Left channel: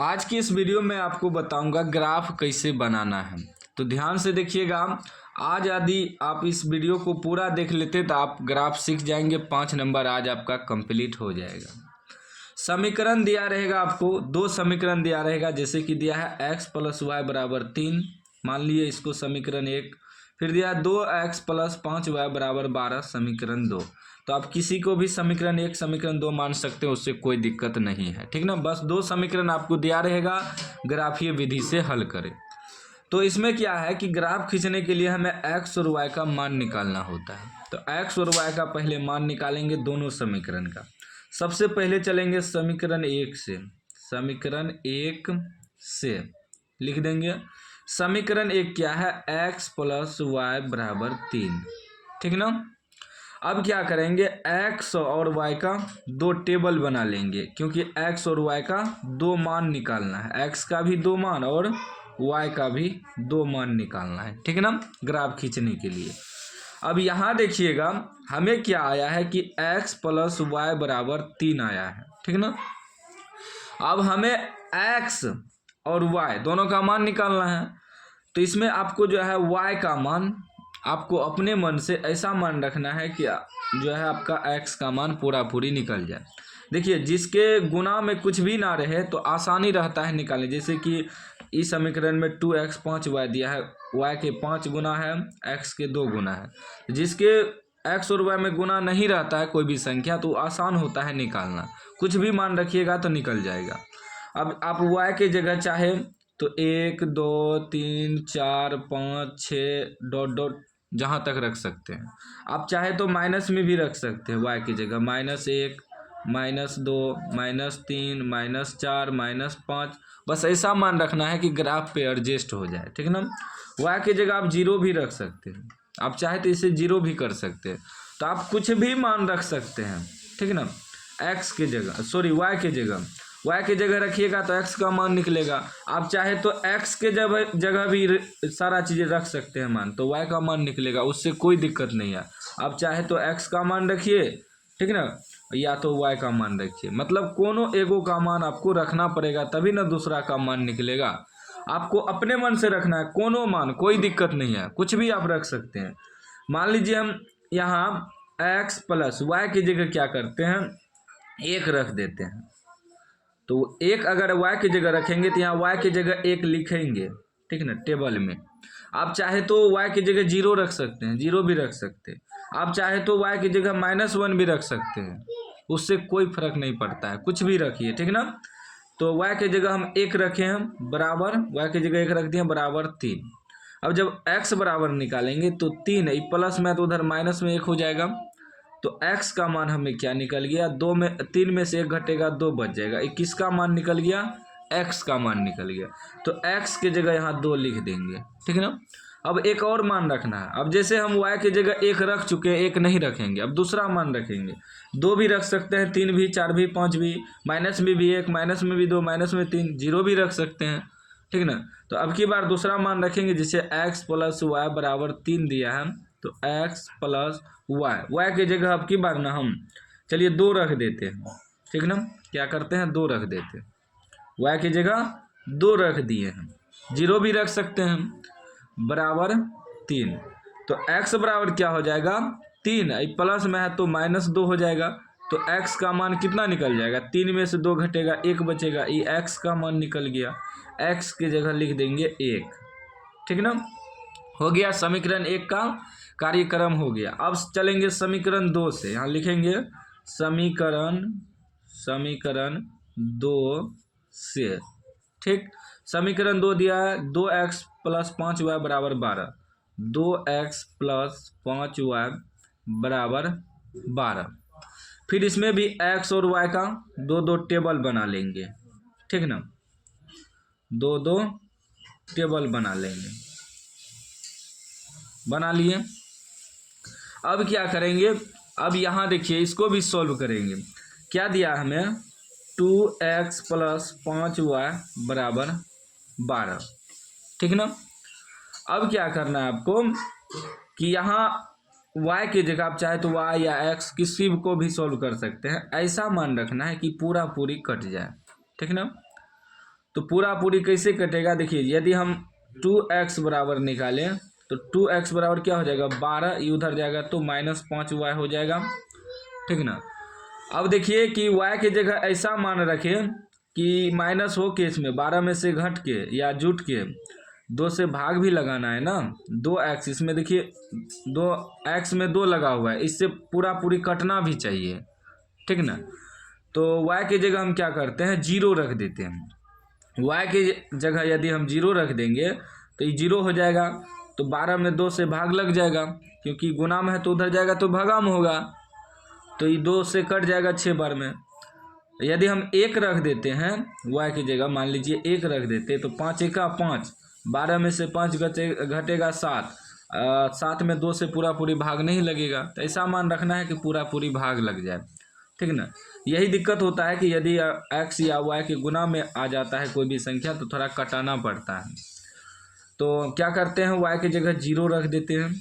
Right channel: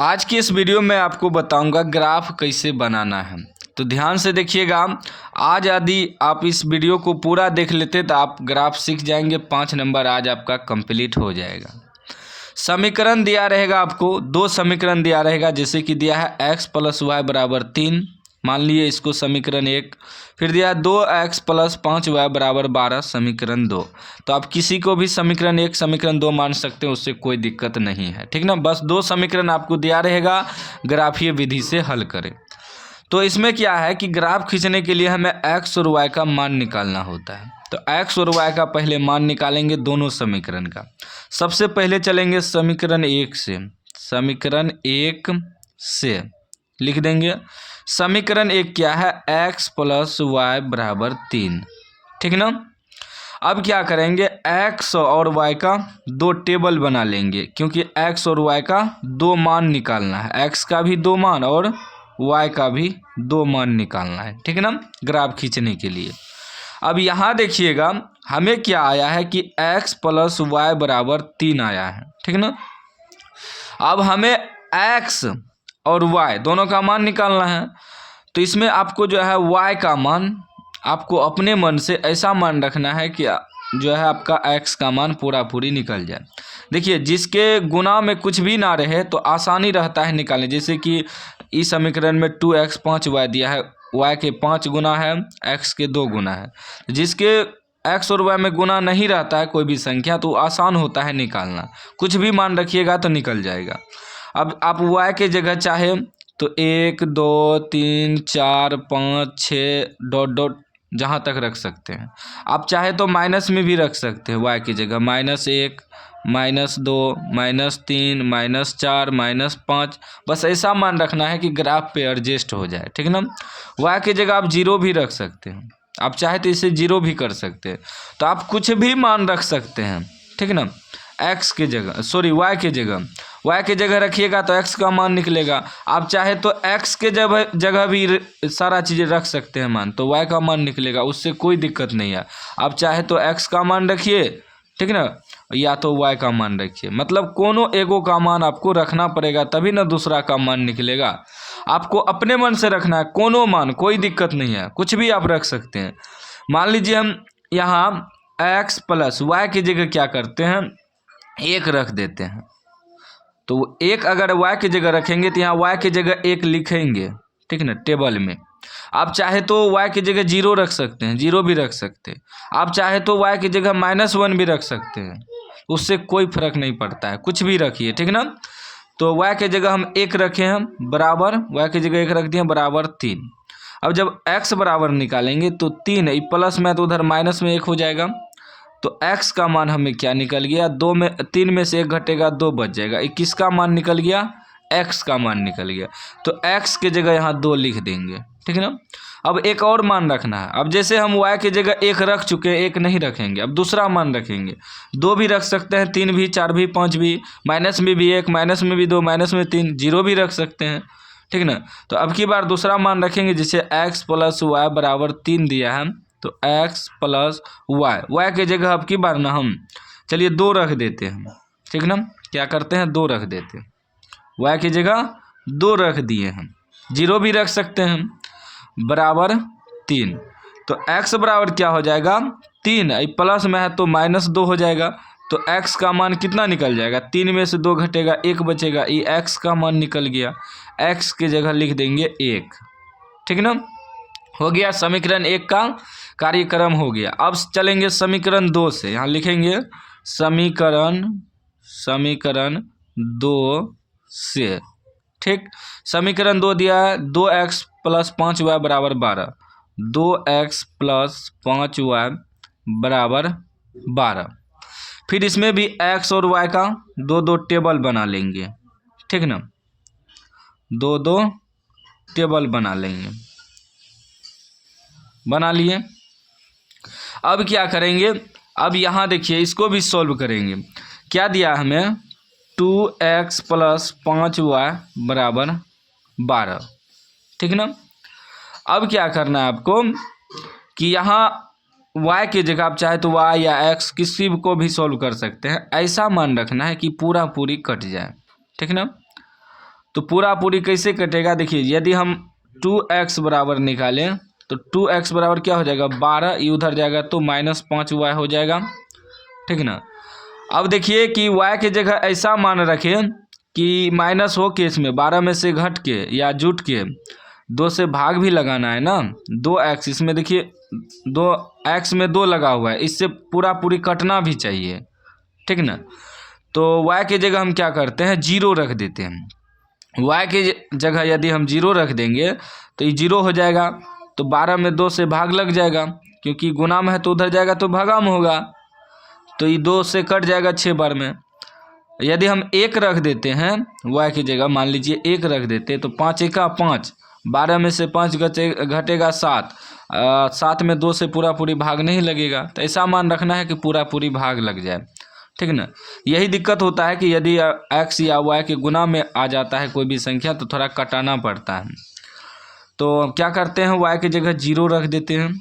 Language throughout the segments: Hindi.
आज की इस वीडियो में आपको बताऊंगा ग्राफ कैसे बनाना है। तो ध्यान से देखिएगा। आज यदि आप इस वीडियो को पूरा देख लेते तो आप ग्राफ सीख जाएंगे। 5 नंबर आज आपका कंप्लीट हो जाएगा। समीकरण दिया रहेगा, आपको 2 समीकरण दिया रहेगा। जैसे कि दिया है x + y = 3, मान लिए इसको समीकरण 1। फिर दिया 2x + 5y = 12, समीकरण 2। तो आप किसी को भी समीकरण 1 समीकरण 2 मान सकते हो, उससे कोई दिक्कत नहीं है, ठीक ना। बस 2 समीकरण आपको दिया रहेगा, ग्राफीय विधि से हल करें। तो इसमें क्या है कि ग्राफ खींचने के लिए हमें x और y का मान निकालना होता है। तो x और y का पहले मान निकालेंगे दोनों समीकरण का। सबसे पहले चलेंगे समीकरण 1 से। समीकरण 1 से लिख देंगे। समीकरण 1 क्या है? x + y = 3, ठीक ना। अब क्या करेंगे, x और y का 2 टेबल बना लेंगे, क्योंकि x और y का 2 मान निकालना है। x का भी 2 मान और y का भी 2 मान निकालना है, ठीक ना, ग्राफ खींचने के लिए। अब यहाँ देखिएगा, हमें क्या आया है कि x + y = 3 आया है, ठीक ना। अब हमें x और y दोनों का मान निकालना है। तो इसमें आपको जो है y का मान आपको अपने मन से ऐसा मान रखना है कि जो है आपका x का मान पूरा पूरी निकल जाए। देखिए, जिसके गुना में कुछ भी ना रहे तो आसानी रहता है निकालने। जैसे कि इस समीकरण में 2x 5y दिया है, y के 5 गुना है, x के 2 गुना है। जिसके x और y में गुना नहीं रहता है कोई भी संख्या, तो आसान होता है निकालना। कुछ भी मान रखिएगा तो निकल जाएगा। अब आप y के जगह चाहे तो 1 2 3 4 5 6 डॉट डॉट जहाँ तक रख सकते हैं। आप चाहे तो माइनस में भी रख सकते हैं y की जगह, -1 -2 -3 -4 -5। बस ऐसा मान रखना है कि ग्राफ पे एडजस्ट हो जाए, ठीक ना। y की जगह आप 0 भी रख सकते हैं, आप चाहे तो इसे 0 भी कर सकते हैं। तो आप कुछ भी मान रख सकते हैं, ठीक ना। x की जगह y की जगह रखिएगा तो x का मान निकलेगा। आप चाहे तो x के जगह भी सारा चीज़ें रख सकते हैं मान, तो y का मान निकलेगा, उससे कोई दिक्कत नहीं है। आप चाहे तो x का मान रखिए, ठीक ना, या तो y का मान रखिए। मतलब कोनो एगो का मान आपको रखना पड़ेगा, तभी ना दूसरा का मान निकलेगा। आपको अपने मन से रखना है, कोनो मान, कोई दिक्कत नहीं है, कुछ भी आप रख सकते हैं। मान लीजिए हम यहाँ x + y की जगह क्या करते हैं, 1 रख देते हैं। तो 1 अगर y की जगह रखेंगे तो यहाँ y की जगह 1 लिखेंगे, ठीक ना, टेबल में। आप चाहे तो y की जगह 0 रख सकते हैं, 0 भी रख सकते हैं। आप चाहे तो y की जगह -1 भी रख सकते हैं, उससे कोई फर्क नहीं पड़ता है, कुछ भी रखिए, ठीक ना। तो y की जगह हम 1 रखे हैं बराबर, y की जगह 1 रख दिए बराबर 3। अब जब x बराबर निकालेंगे तो 3 प्लस में तो उधर माइनस में 1 हो जाएगा। तो x का मान हमें क्या निकल गया, 3 में से 1 घटेगा, 2 बच जाएगा। किसका मान निकल गया? x का मान निकल गया। तो x की जगह यहाँ 2 लिख देंगे, ठीक है ना। अब एक और मान रखना है। अब जैसे हम y की जगह 1 रख चुके हैं, 1 नहीं रखेंगे, अब दूसरा मान रखेंगे। 2 भी रख सकते हैं, 3 भी, 4 भी, 5 भी, माइनस में भी 1, माइनस में भी 2, माइनस में 3, 0 भी रख सकते हैं, ठीक ना। तो अब की बार दूसरा मान रखेंगे, जिसे x + y = 3 दिया है। तो x + y की जगह अब की बार ना हम चलिए 2 रख देते हैं, ठीक ना। क्या करते हैं, 2 रख देते हैं, y की जगह 2 रख दिए हैं। 0 भी रख सकते हैं, बराबर 3। तो x बराबर क्या हो जाएगा, 3। प्लस में है तो -2 हो जाएगा। तो x का मान कितना निकल जाएगा, 3 में से 2 घटेगा, 1 बचेगा। ये x का मान निकल गया, x की जगह लिख देंगे 1, ठीक ना। हो गया, समीकरण 1 का कार्यक्रम हो गया। अब चलेंगे समीकरण 2 से। यहाँ लिखेंगे समीकरण 2 से, ठीक। समीकरण 2 दिया है, 2x + 5y = 12, 2x + 5y = 12। फिर इसमें भी x और y का 2 टेबल बना लेंगे, ठीक ना, 2 टेबल बना लेंगे, बना लिए। अब क्या करेंगे, अब यहाँ देखिए, इसको भी सॉल्व करेंगे। क्या दिया हमें, 2x + 5y = 12, ठीक ना। अब क्या करना है आपको कि यहाँ y की जगह आप चाहे तो y या x किसी को भी सॉल्व कर सकते हैं। ऐसा मान रखना है कि पूरा पूरी कट जाए, ठीक ना। तो पूरा पूरी कैसे कटेगा, देखिए यदि हम 2x बराबर निकालें तो 2x बराबर क्या हो जाएगा 12, ये उधर जाएगा तो -5y हो जाएगा, ठीक ना। अब देखिए कि y की जगह ऐसा मान रखें कि माइनस हो के इसमें 12 में से घट के या जुट के 2 से भाग भी लगाना है ना, 2x इसमें देखिए 2x में 2 लगा हुआ है, इससे पूरा पूरी कटना भी चाहिए, ठीक ना। तो y की जगह हम क्या करते हैं 0 रख देते हैं। y की जगह यदि हम 0 रख देंगे तो ये 0 हो जाएगा, तो 12 में 2 से भाग लग जाएगा, क्योंकि गुना में है तो उधर जाएगा तो भागा में होगा, तो ये 2 से कट जाएगा 6 बार में। यदि हम 1 रख देते हैं y की जगह, मान लीजिए 1 रख देते तो 5 एका 5, 12 में से 5 घटेगा 7, 7 में 2 से पूरा पूरी भाग नहीं लगेगा, तो ऐसा मान रखना है कि पूरा पूरी भाग लग जाए, ठीक ना। यही दिक्कत होता है कि यदि x या y के गुना में आ जाता है कोई भी संख्या तो थोड़ा कटाना पड़ता है। तो क्या करते हैं y की जगह 0 रख देते हैं,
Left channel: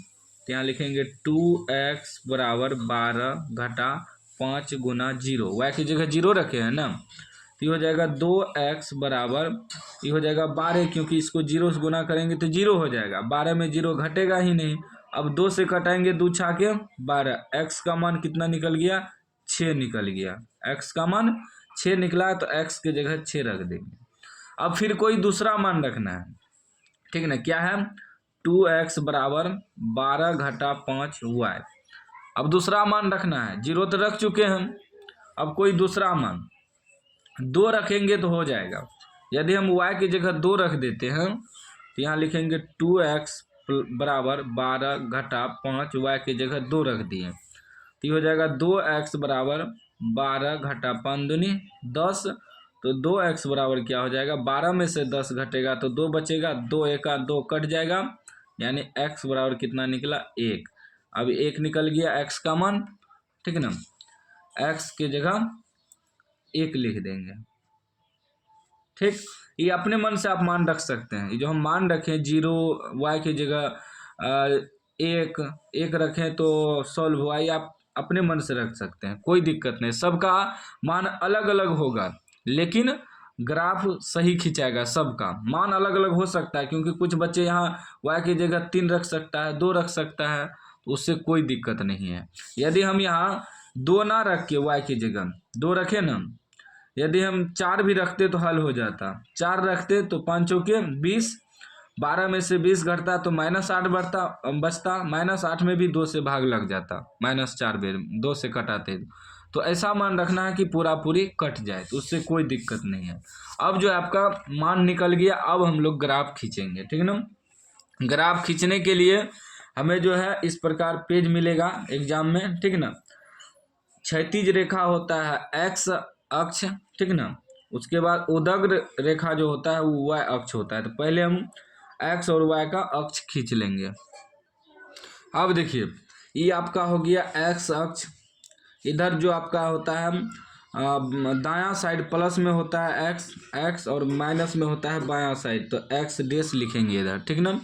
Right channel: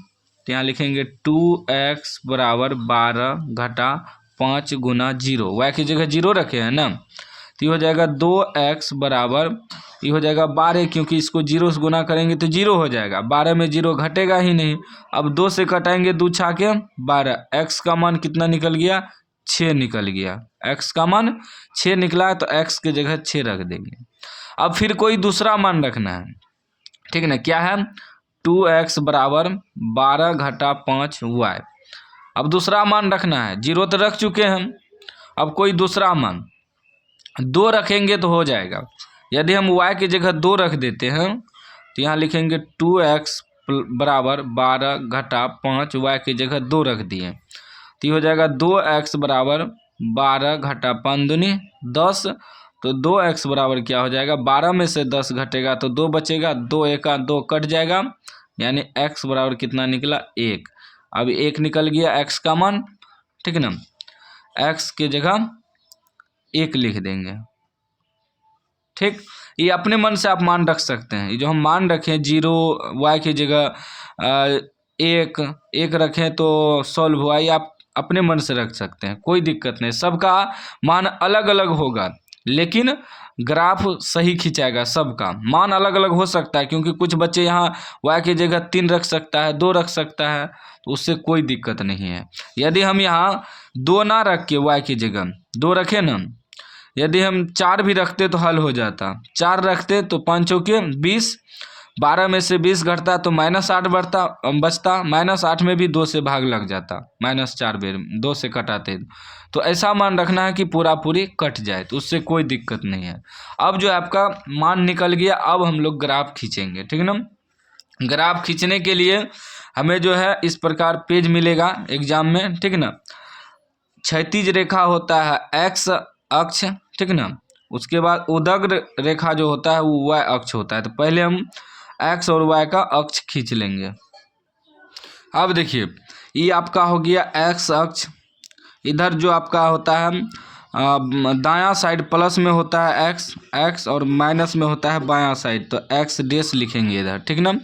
तो यहाँ लिखेंगे 2x बराबर 12 घटा 5 गुना 0, y की जगह 0 रखे हैं ना, तो ये हो जाएगा 2x बराबर, ये हो जाएगा 12, क्योंकि इसको 0 से गुना करेंगे तो 0 हो जाएगा, 12 में 0 घटेगा ही नहीं। अब 2 से कटाएंगे 2 छाके 12, x का मान कितना निकल गया 6 निकल गया, x का मान 6 निकला, तो x की जगह 6 रख देंगे। अब फिर कोई दूसरा मान रखना है, ठीक है ना, क्या है 2x बराबर 12 घटा 5y। अब दूसरा मान रखना है, 0 तो रख चुके हैं, अब कोई दूसरा मान 2 रखेंगे तो हो जाएगा। यदि हम y की जगह 2 रख देते हैं तो यहाँ लिखेंगे 2x बराबर 12 घटा 5, y की जगह 2 रख दिए, तो ये हो जाएगा 2x बराबर 12 घटा 5 दूनी 10, तो 2x बराबर क्या हो जाएगा 12 में से 10 घटेगा तो 2 बचेगा, 2 एका 2 कट जाएगा, यानी x बराबर कितना निकला 1। अब 1 निकल गया x का मान, ठीक है ना, x की जगह 1 लिख देंगे, ठीक। ये अपने मन से आप मान रख सकते हैं, ये जो हम मान रखें 0 y की जगह 1 रखें तो सॉल्व हुआ, ये आप अपने मन से रख सकते हैं, कोई दिक्कत नहीं, सबका मान अलग अलग होगा लेकिन ग्राफ सही खिंचाएगा, सबका मान अलग अलग हो सकता है, क्योंकि कुछ बच्चे यहाँ y की जगह 3 रख सकता है, 2 रख सकता है, तो उससे कोई दिक्कत नहीं है। यदि हम यहाँ 2 ना रख के y की जगह 2 रखें ना, यदि हम 4 भी रखते तो हल हो जाता, 4 रखते तो 5 चौके 20, 12 में से 20 घटता तो -8 बचता, -8 में भी 2 से भाग लग जाता, -4 बेर 2 से कटाते, तो ऐसा मान रखना है कि पूरा पूरी कट जाए, तो उससे कोई दिक्कत नहीं है। अब जो आपका मान निकल गया, अब हम लोग ग्राफ खींचेंगे, ठीक ना। ग्राफ खींचने के लिए हमें जो है इस प्रकार पेज मिलेगा एग्जाम में, ठीक ना। क्षैतिज रेखा होता है x अक्ष, ठीक ना, उसके बाद उदग्र रेखा जो होता है वो y अक्ष होता है, तो पहले हम x और y का अक्ष खींच लेंगे। अब देखिए ये आपका हो गया x अक्ष, इधर जो आपका होता है दायां साइड प्लस में होता है x और माइनस में होता है बायां साइड, तो x डैश लिखेंगे इधर, ठीक ना।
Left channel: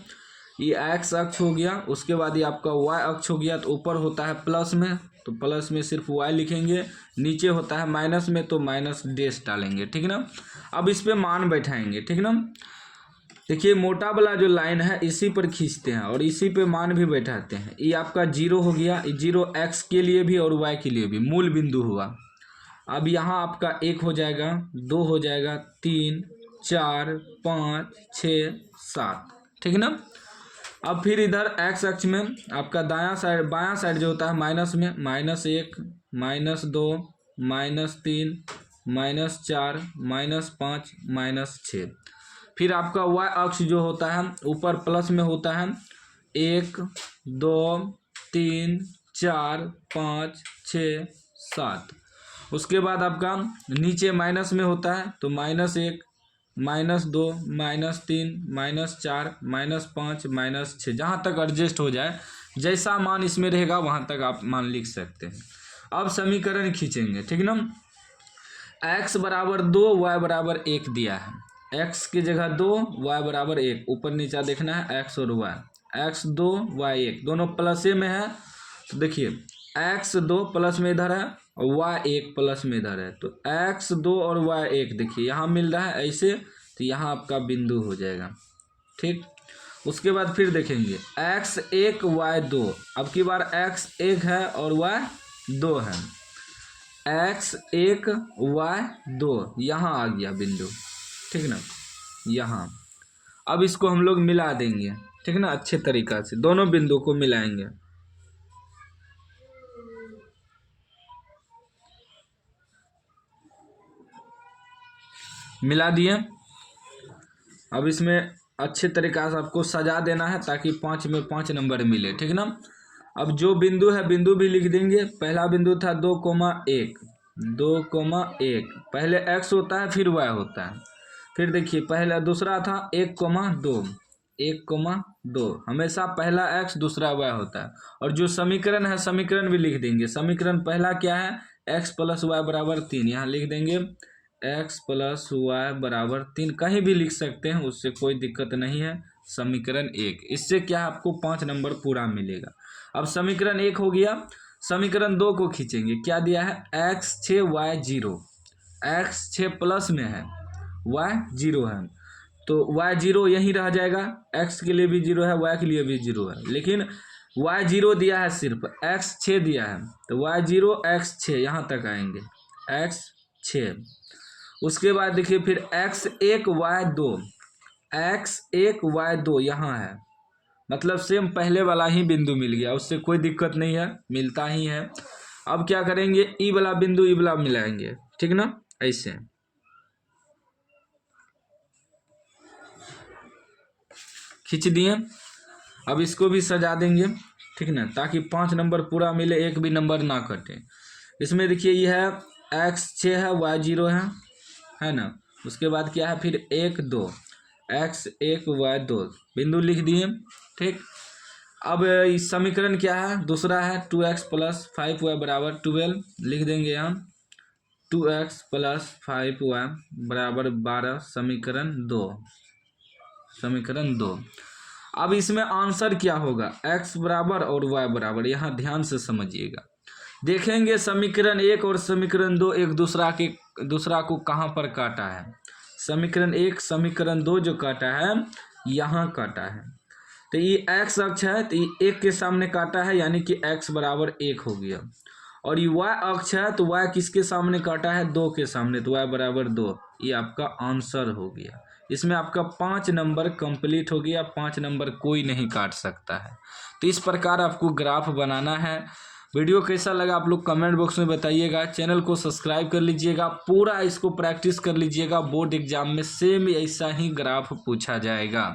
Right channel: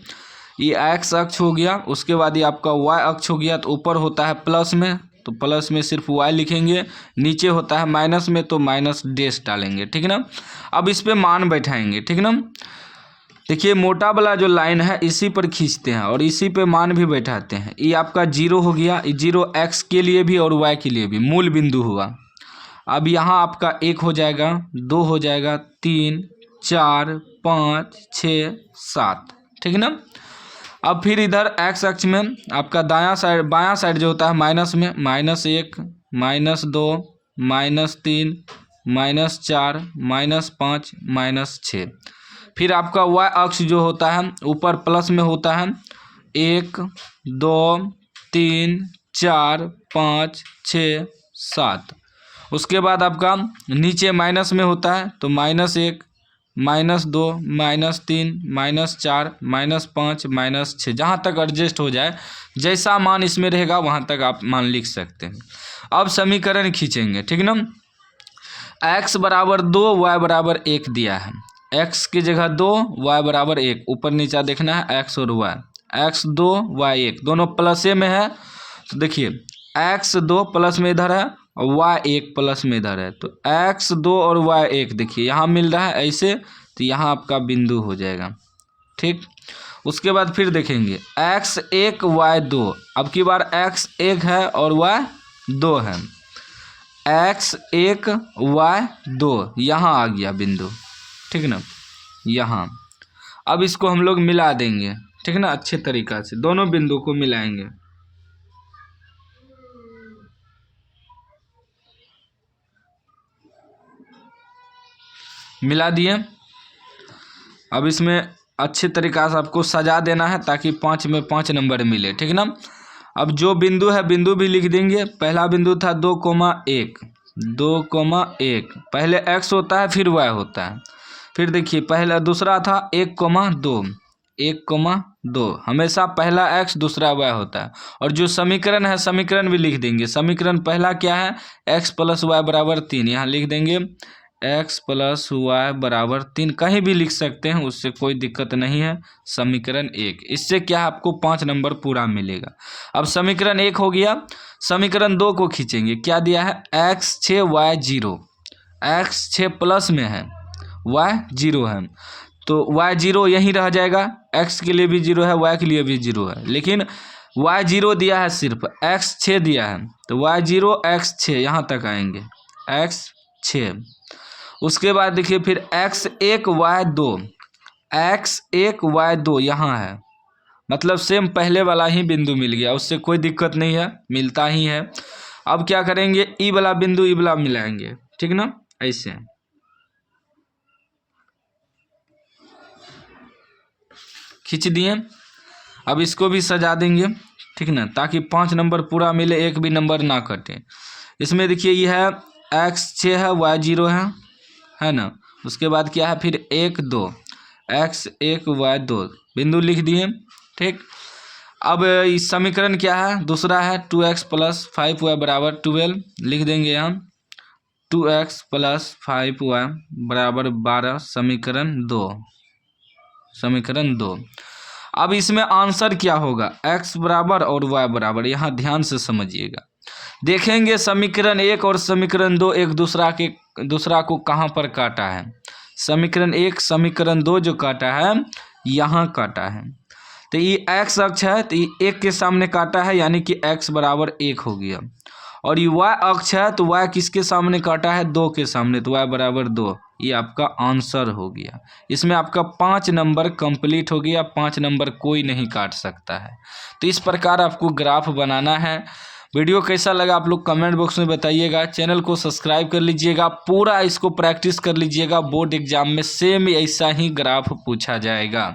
ये x अक्ष हो गया, उसके बाद ये आपका y अक्ष हो गया, तो ऊपर होता है प्लस में तो प्लस में सिर्फ y लिखेंगे, नीचे होता है माइनस में तो माइनस डैश डालेंगे, ठीक ना। अब इस पे मान बैठाएंगे, ठीक ना। देखिए मोटा वाला जो लाइन है इसी पर खींचते हैं और इसी पे मान भी बैठाते हैं। ये आपका 0 हो गया, ये 0 x के लिए भी और y के लिए भी मूल बिंदु हुआ। अब यहाँ आपका 1 हो जाएगा, 2 हो जाएगा, 3 4 5 6 7, ठीक ना। अब फिर इधर x अक्ष में आपका बायां साइड जो होता है माइनस में, -1 -2 -3 -4 -5 -6। फिर आपका y अक्ष जो होता है ऊपर प्लस में होता है 1 2 3 4 5 6 7। उसके बाद आपका नीचे माइनस में होता है तो -1 -2 -3 -4 -5 -6, जहाँ तक एडजस्ट हो जाए, जैसा मान इसमें रहेगा वहाँ तक आप मान लिख सकते हैं। अब समीकरण खींचेंगे, ठीक ना। x बराबर 2 y बराबर 1 दिया है, x की जगह 2 y बराबर 1, ऊपर नीचा देखना है x और y, x 2 y 1 दोनों प्लस में है, तो देखिए x 2 प्लस में इधर है और y 1 प्लस में इधर है, तो x 2 और y 1 देखिए यहाँ मिल रहा है, ऐसे तो यहाँ आपका बिंदु हो जाएगा। ठीक, उसके बाद फिर देखेंगे x1 y2, अब की बार x1 है और y2 है। x1 y2 यहाँ आ गया बिंदु, ठीक ना, यहाँ। अब इसको हम लोग मिला देंगे, ठीक ना, अच्छे तरीक़ा से दोनों बिंदु को मिलाएंगे। मिला दिए। अब इसमें अच्छे तरीक़ा से आपको सजा देना है ताकि 5 में 5 नंबर मिले, ठीक ना। अब जो बिंदु है बिंदु भी लिख देंगे। पहला बिंदु था 2,1, 2,1, पहले x होता है फिर y होता है। फिर देखिए पहला दूसरा था 1,2, 1,2, हमेशा पहला x दूसरा y होता है। और जो समीकरण है समीकरण भी लिख देंगे। समीकरण पहला क्या है, x + y = 3, यहाँ लिख देंगे x + y = 3, कहीं भी लिख सकते हैं, उससे कोई दिक्कत नहीं है। समीकरण 1, इससे क्या है आपको 5 नंबर पूरा मिलेगा। अब समीकरण 1 हो गया। समीकरण 2 को खींचेंगे। क्या दिया है, x6 y0, x6 प्लस में है y0 है, तो y0 यहीं रह जाएगा। x के लिए भी 0 है, y के लिए भी 0 है, लेकिन y0 दिया है, सिर्फ x6 दिया है, तो y0 x6 यहाँ तक आएंगे, x6। उसके बाद देखिए फिर x1 y2, x1 y2 यहाँ है, मतलब सेम पहले वाला ही बिंदु मिल गया, उससे कोई दिक्कत नहीं है, मिलता ही है। अब क्या करेंगे, ई वाला बिंदु ई वाला मिलाएंगे, ठीक ना, ऐसे खींच दिए। अब इसको भी सजा देंगे, ठीक ना, ताकि 5 नंबर पूरा मिले, एक भी नंबर ना कटे। इसमें देखिए ये है x6 है, y0 है ना। उसके बाद क्या है फिर 1 2, x1 y2 बिंदु लिख दिए, ठीक। अब इस समीकरण क्या है, दूसरा है 2x + 5y = 12, लिख देंगे यहाँ 2x + 5y = 12, समीकरण 2, समीकरण 2। अब इसमें आंसर क्या होगा, x बराबर और y बराबर, यहाँ ध्यान से समझिएगा। देखेंगे समीकरण 1 और समीकरण 2 एक दूसरा को कहाँ पर काटा है। समीकरण 1 समीकरण 2 जो काटा है यहाँ काटा है, तो ये x अक्ष है, तो ये 1 के सामने काटा है, यानी कि x बराबर 1 हो गया। और ये y अक्ष है, तो y किसके सामने काटा है, 2 के सामने, तो y बराबर 2, ये आपका आंसर हो गया। इसमें आपका 5 नंबर कंप्लीट हो गया, 5 नंबर कोई नहीं काट सकता है। तो इस प्रकार आपको ग्राफ बनाना है। वीडियो कैसा लगा आप लोग कमेंट बॉक्स में बताइएगा। चैनल को सब्सक्राइब कर लीजिएगा, पूरा इसको प्रैक्टिस कर लीजिएगा। बोर्ड एग्जाम में सेम ऐसा ही ग्राफ पूछा जाएगा।